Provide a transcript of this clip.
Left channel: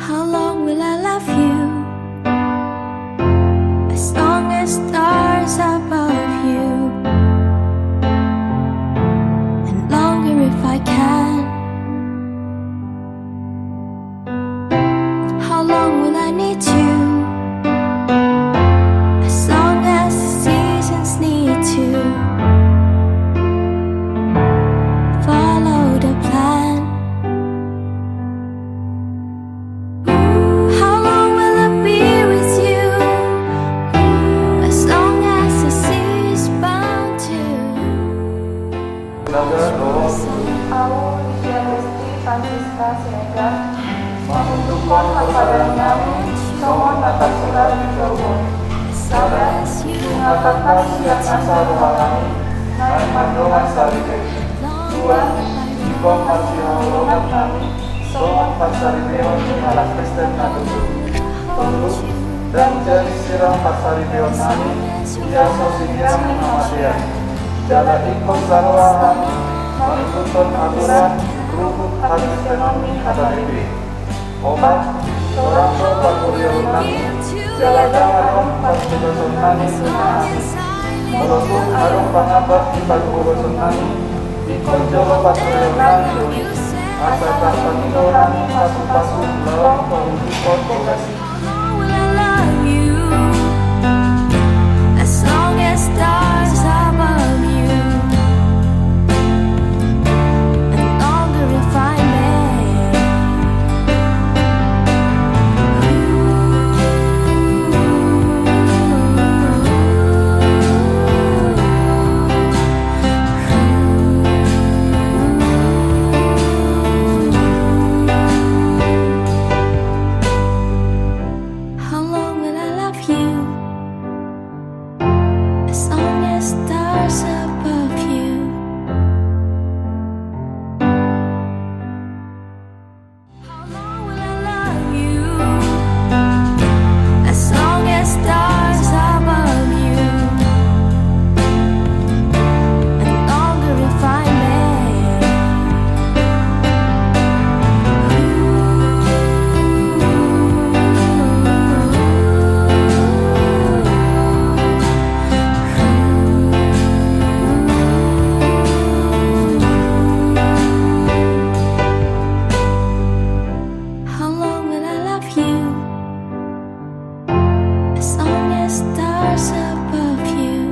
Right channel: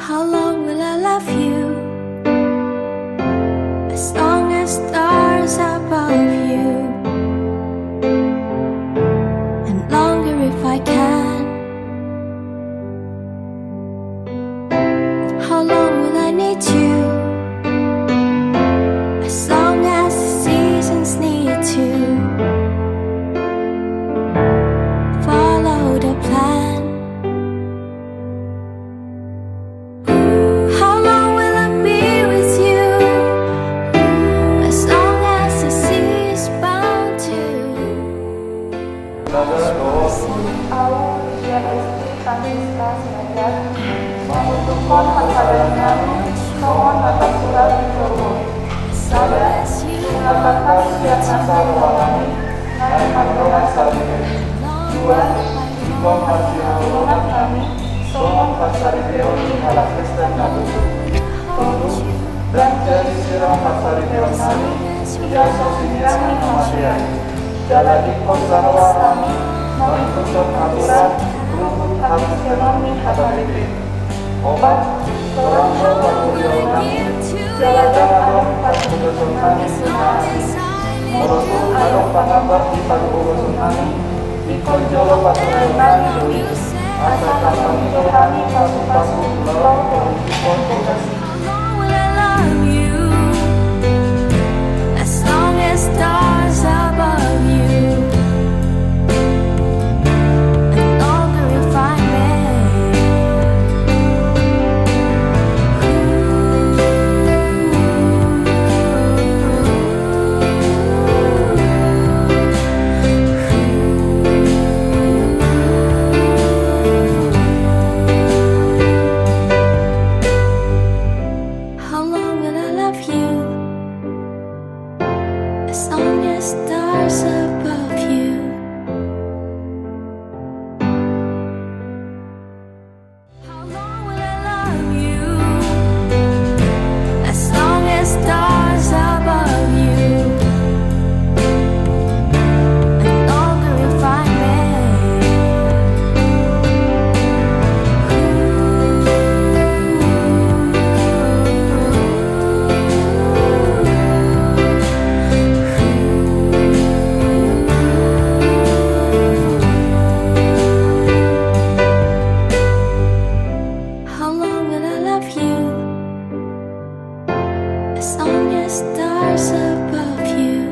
How long will I love you? As long as stars above you, and longer if I can. How long will I need you? As long as the seasons need to follow the plan. How long will I be with you? As long as the sea is bound to. Aku Lydia Lesti Francisca Siregar mengutukkan padanya mohon atas surat diterbun sada mengatakan siap asa ruangan naik pandangan sarike dua jika masih hubungan kami somon pasari beon ala Kristen natutu tolu dan jadi siram pasari beon kami ia sosinya mengamatian dalam ikut sarwa kami mengikuti aturan rukun hadis ekonomi KTP obat seorang sobat kuliah jalan-jalan pas bugoson kami sunani menutup arung pangabat di pagugoson kami ikon jolo patrionan dui asalkan pangino kami pasu-pasu lelong pengikon kongasi. How long will I love you? As long as stars above you, and longer if I may. How long will I love you? As long as stars above you. How long will I love you? As long as stars above you, and longer if I may. How long will I love you? As long as stars above you.